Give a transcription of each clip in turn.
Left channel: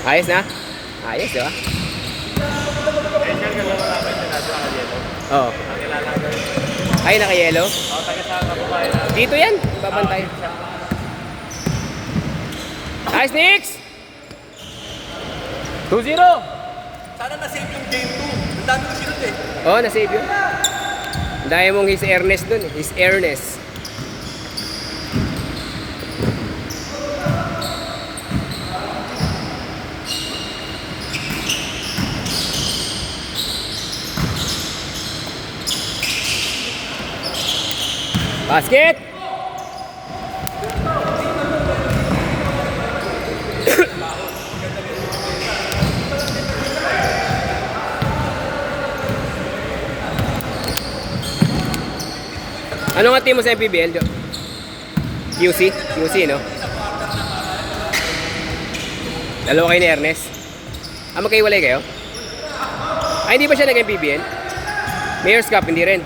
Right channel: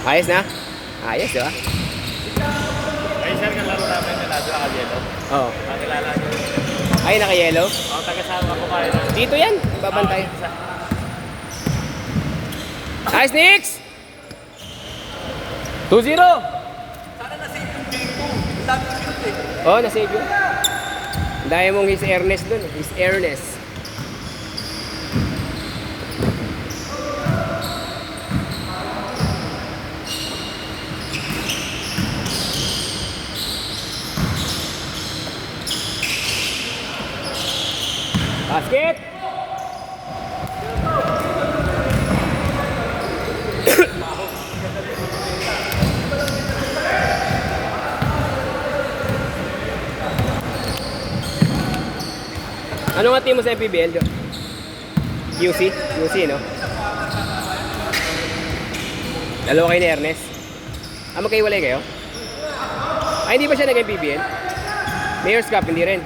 Ayos na? Ayos, di ba? Eh, sir, kalaro namin na radyo yellow. Oo. Nakilala nyo. Ay, naka-yellow? Taga-saan po tayo. Dito yan. Babantay. Ayos, Nix! 2-0. Sana na-save yung game 2. Ang dami ko shoot eh. Oo, na-save yun. Ang dami mong his airness dun. His airness. Basket! Ano nga team mo sa MPBL, Jo? QC? QC, no? Dalawa kayo ni Ernest? Ah, magkaiwalay kayo? Ay, hindi ba siya nag-MPBL? Mayor's Cup, hindi rin?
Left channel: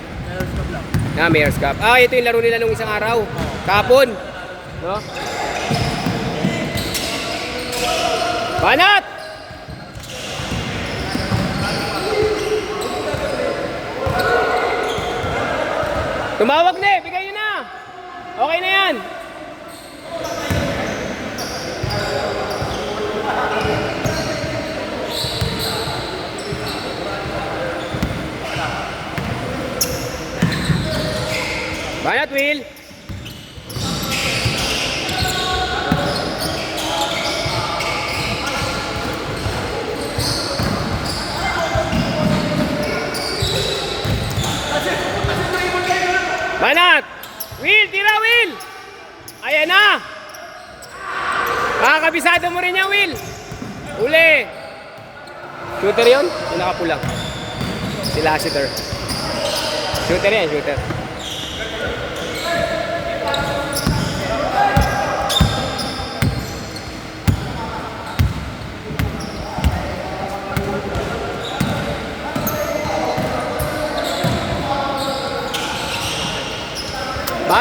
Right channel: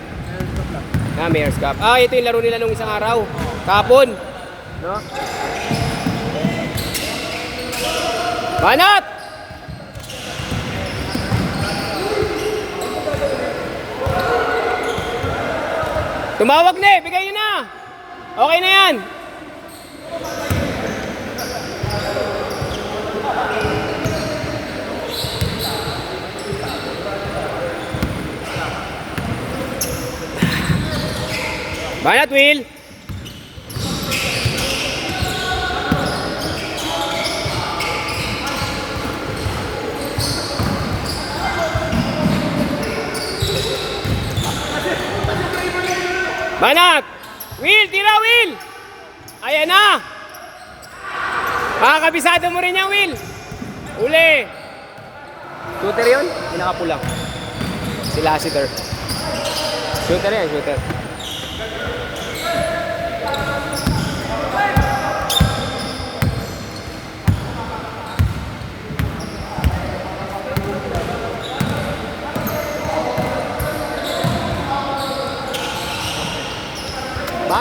Ah, Mayor's Cup. Ah, ito yung laro nila nung isang araw. Kapon. No? Banat! Tumawag na eh. Bigay nyo na. Okay na yan. Banat, Will. Banat! Will, tira, Will! Ayan na! Makakabisado mo rin yan, Will! Uli! Shooter yun? Yung nakapulang. Si Lassiter. Shooter yan, shooter.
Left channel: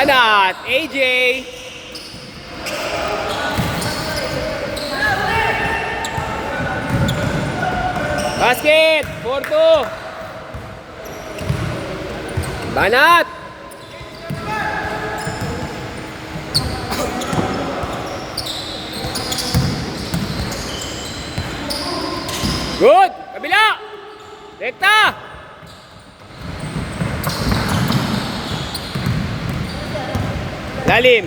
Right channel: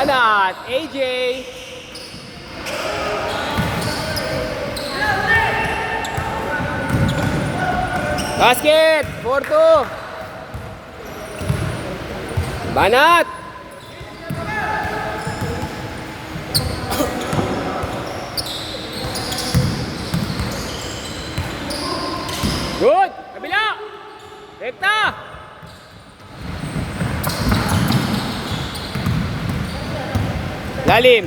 Banat! AJ! Basket! 4-2! Banat! Good! Kabila! Rekta! Lalim.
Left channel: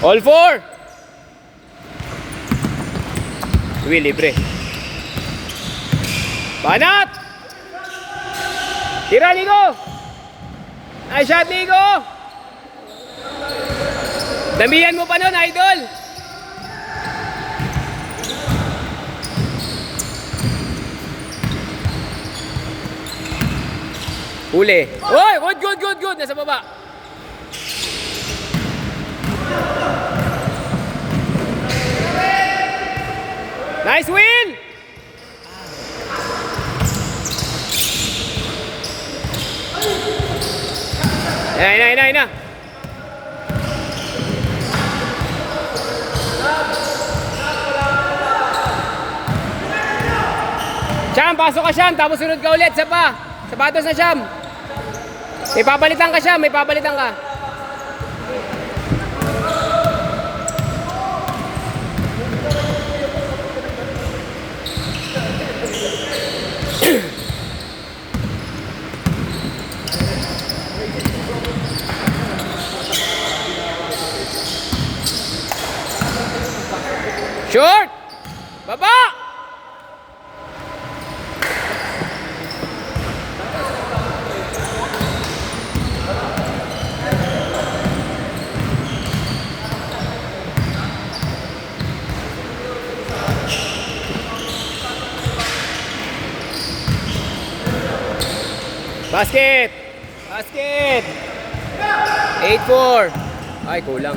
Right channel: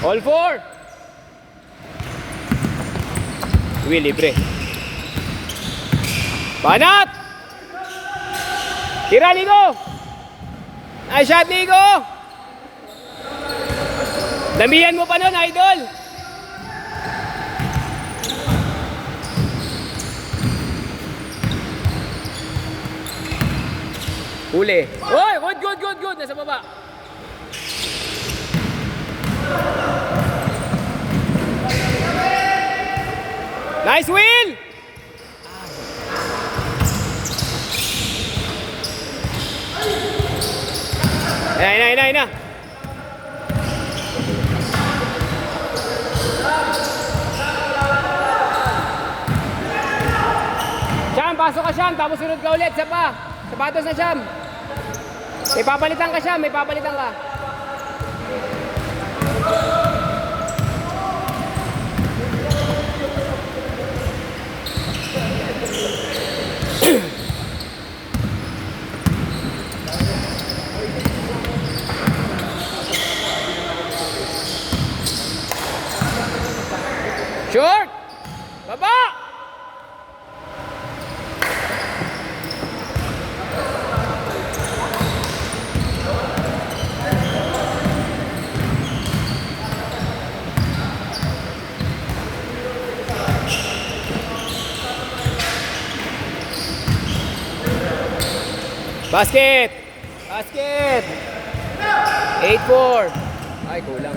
All four. Will, libre. Banat! Tira, Ligo! Ay, shot, Ligo! Damihan mo pa nun, idol! Huli. Oy, good! Nasa baba. Nice, Will! Ayun na. Siyam, pasok ka Siyam, tapos sunod ka ulit, sapatos na Siyam. May papalitan ka Siyam, may papalitan ka. Short! Baba! Basket! 8-4. Ay, kulang.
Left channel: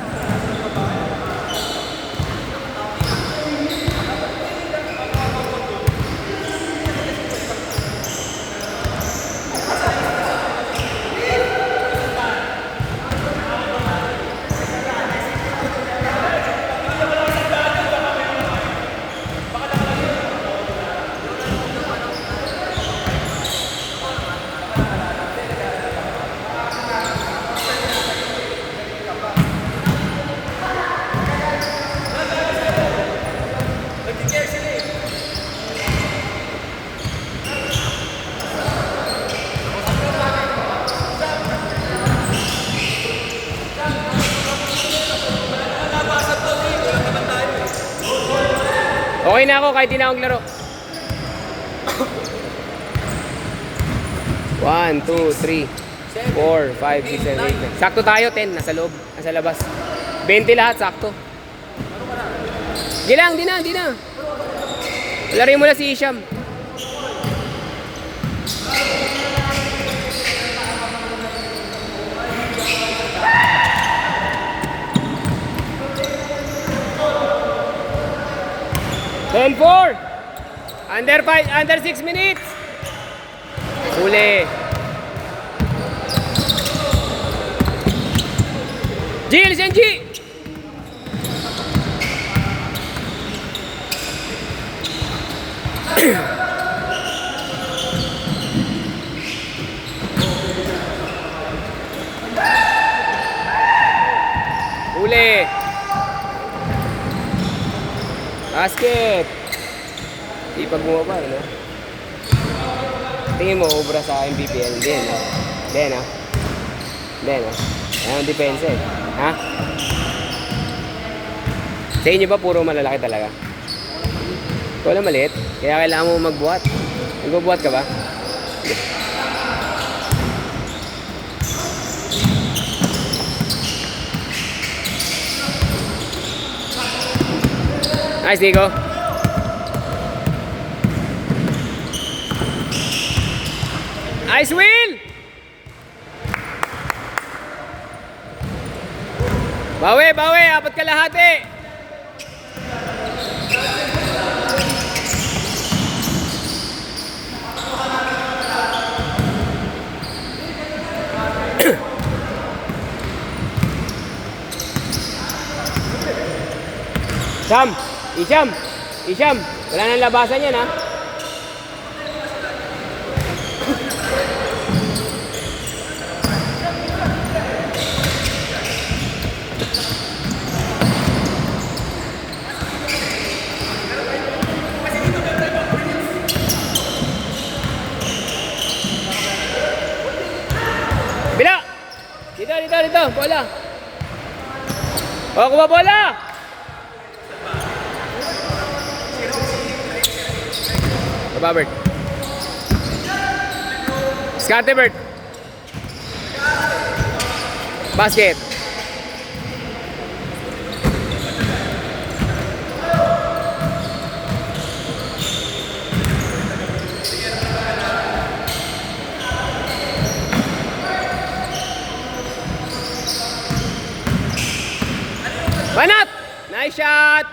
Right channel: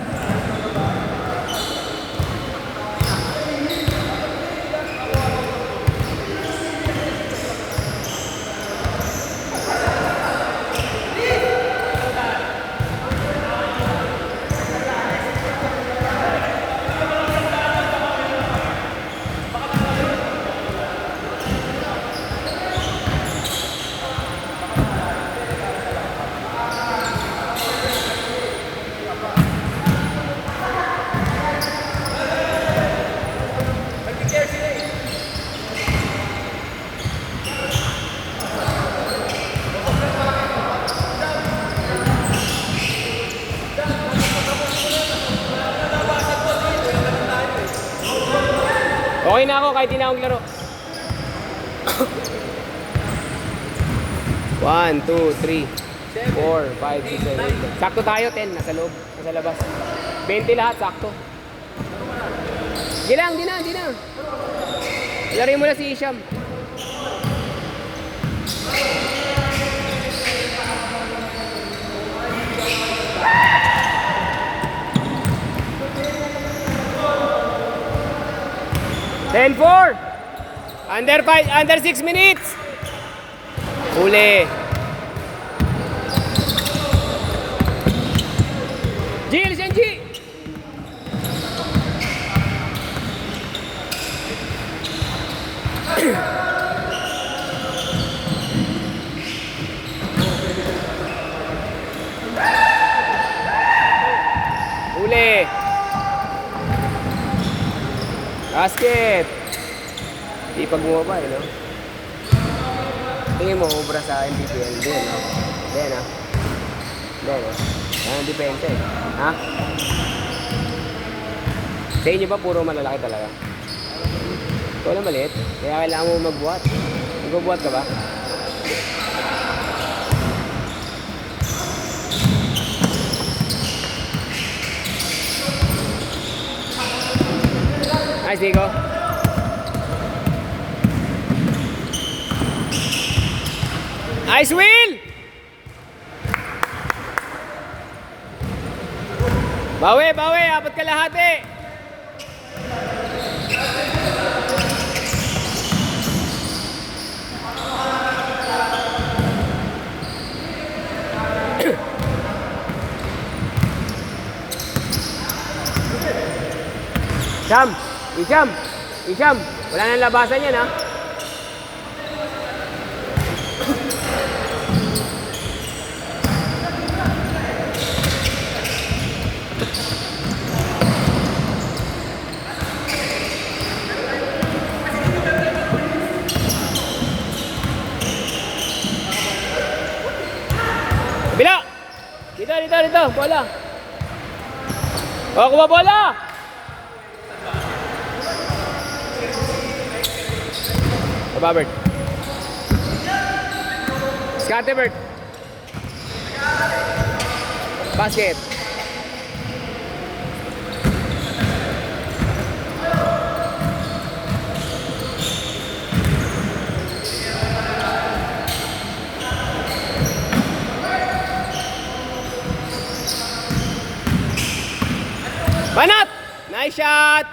Okay na ako kahit di na ako laro. 1, 2, 3, 4, 5, 6, 7, 8. Sakto tayo, 10. Nasa loob, nasa labas. 20 lahat, sakto. Di lang, di na. Larin mo na si Isham. Ten 4. Under 6 minutes. Huli. Gil, Senji. Huli. Basket. Sipag mo ba, no? Tingin mo, obra sa MPPL. Hindi, no? Hindi, no? Hindi, no? Ayan ang depensa, eh. Ha? Sa inyo ba, puro malalaki talaga? Ikaw lang maliit. Kaya kailangan mo magbuhat. Magbubuhat ka ba? Nice, Nico. Nice, Will! Bawi! Apat kalahati! Isham! Wala nang labasan yan, ha? Bila! Dito! Bola! O, kuha bola! Bert. Scotty Bert. Basket. Banat! Nice shot!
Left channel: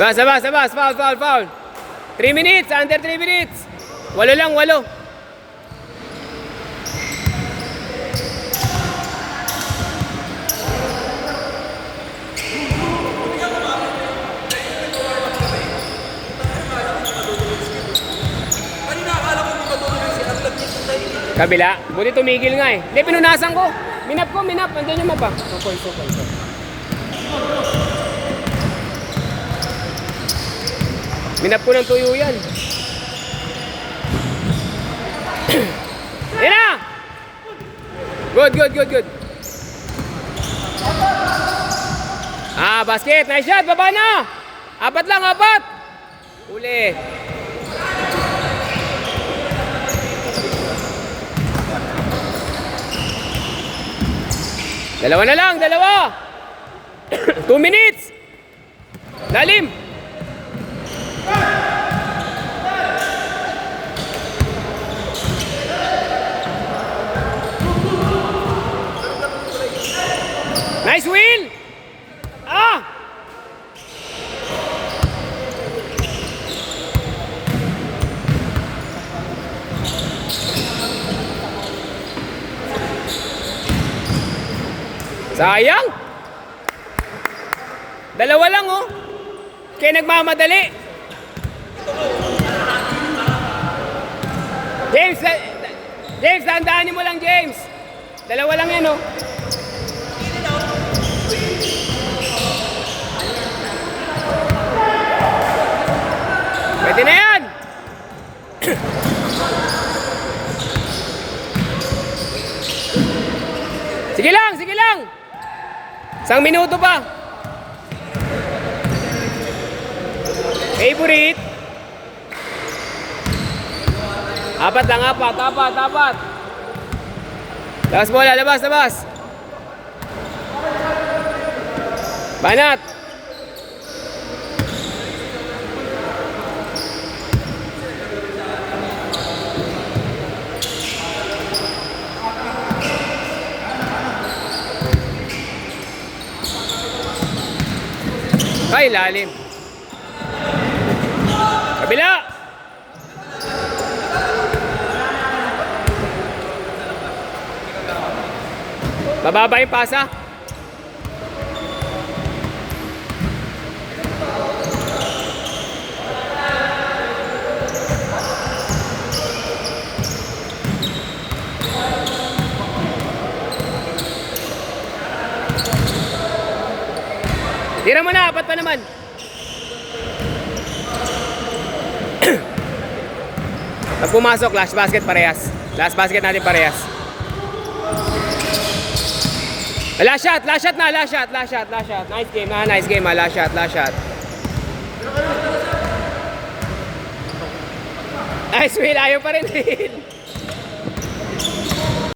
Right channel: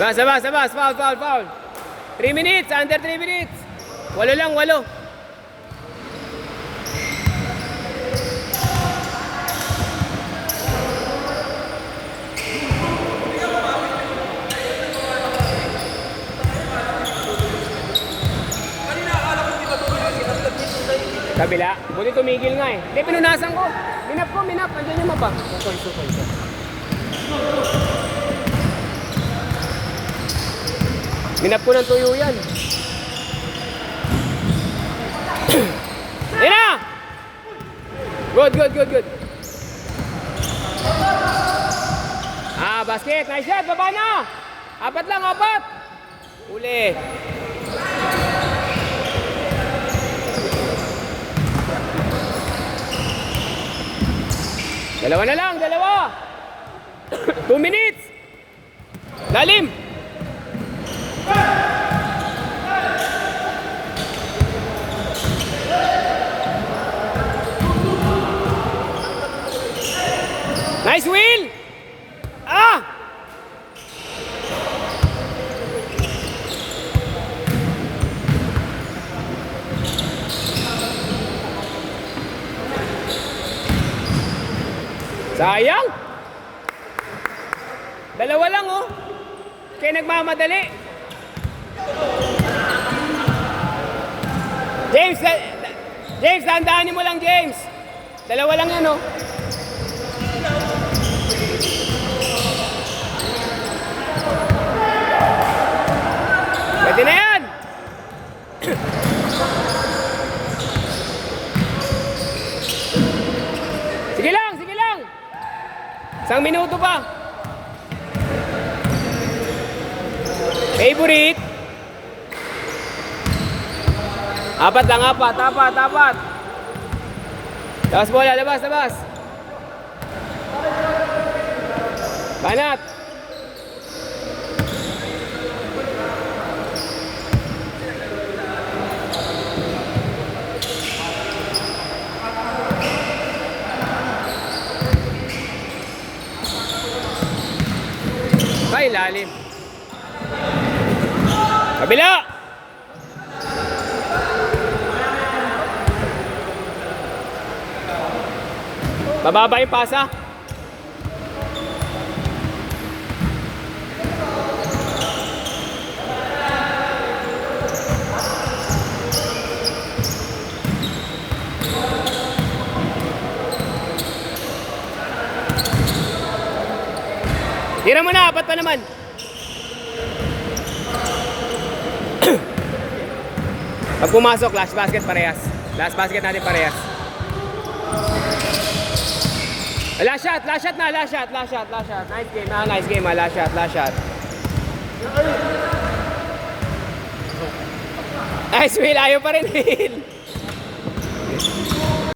Sabas, foul. 3 minutes, under 3 minutes. 8 lang. Kabila, buti tumigil nga eh. Hindi, pinunasan ko. Minap. Andiyan yung mapa. Konso. Minap ko ng tuyo yan. Yan na! Good. Basket. Nice shot. Baba na. 4 lang. Uli. Dalawa na lang. 2 minutes. Lalim. Nice, Will! Sayang! 2 lang, oh! Kaya nagmamadali. James, tandaanin mo lang, James. 2 lang yan, oh. Pwede na yan! Isang minuto pa. Favorite. Apat lang, apat. Labas bola, labas. Banat. Ay, lalim. Kabila! Mababa yung pasa. Tira mo na, apat pa naman. Pag pumasok, last basket parehas. Last basket natin parehas. Last shot. Nice game, last shot. Nice, Will, ayaw pa rin, Will.